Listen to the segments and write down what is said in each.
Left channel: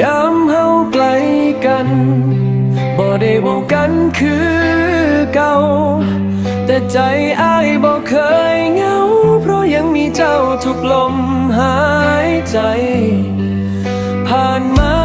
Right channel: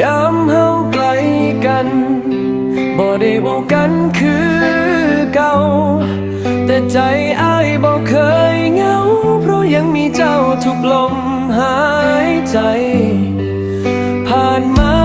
ยามเฮาไกลกันบ่ได้เว้ากันคือเก่า แต่ใจอ้ายบ่เคยเหงา เพราะยังมีเจ้าทุกลมหายใจ ผ่านมา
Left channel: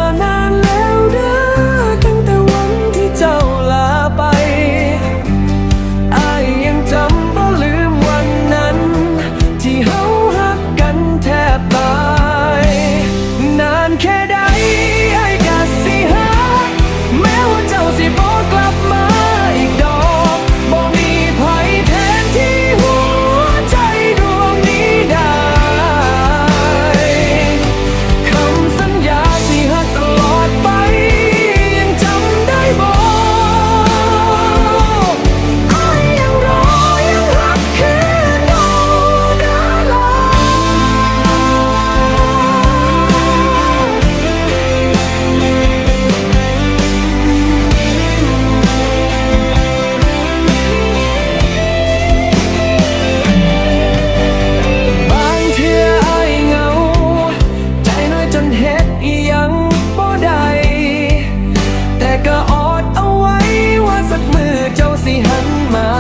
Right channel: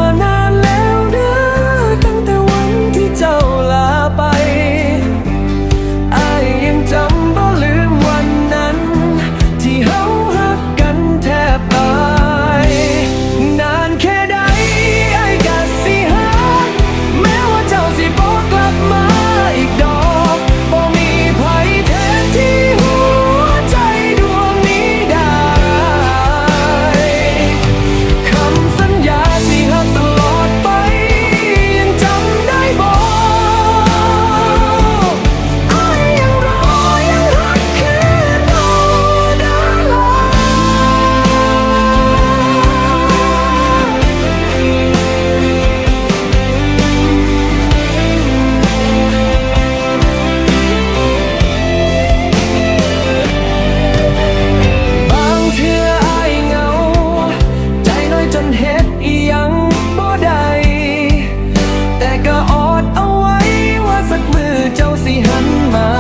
หันมา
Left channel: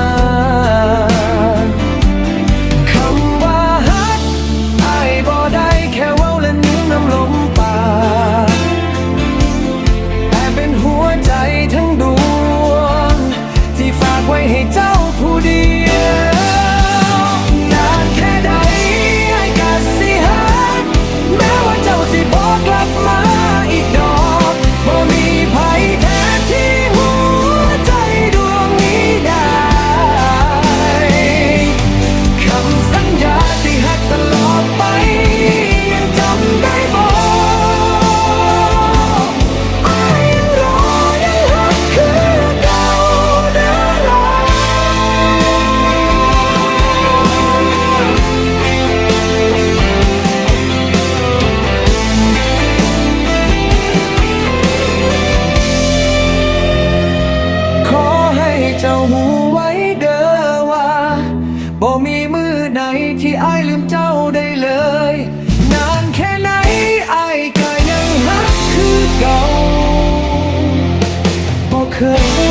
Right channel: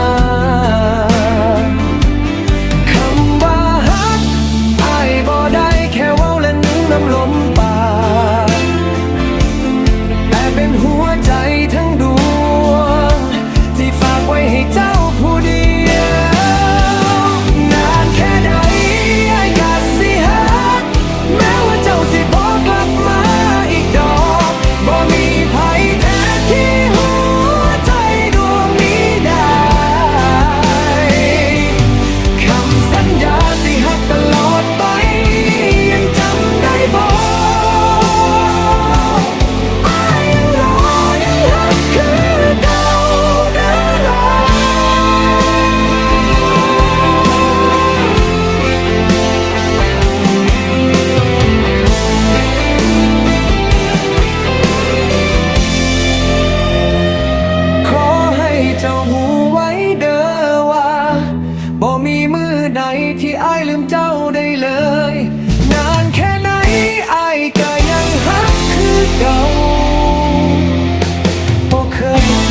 คำว่าฮักอายบ่ได้แค่ว้าและนึงน้ำลมปากแต่เป็นหัวใจทั้งดวง ที่ฝากไว้ให้เจ้าผู้ดี เจ้าหูไว้เด้อว่าบ่มีมือไหนที่อายลืมเจ้าได้เลย นานแค่ไหนอายก็ยังฮักคือเก่าบ่เคย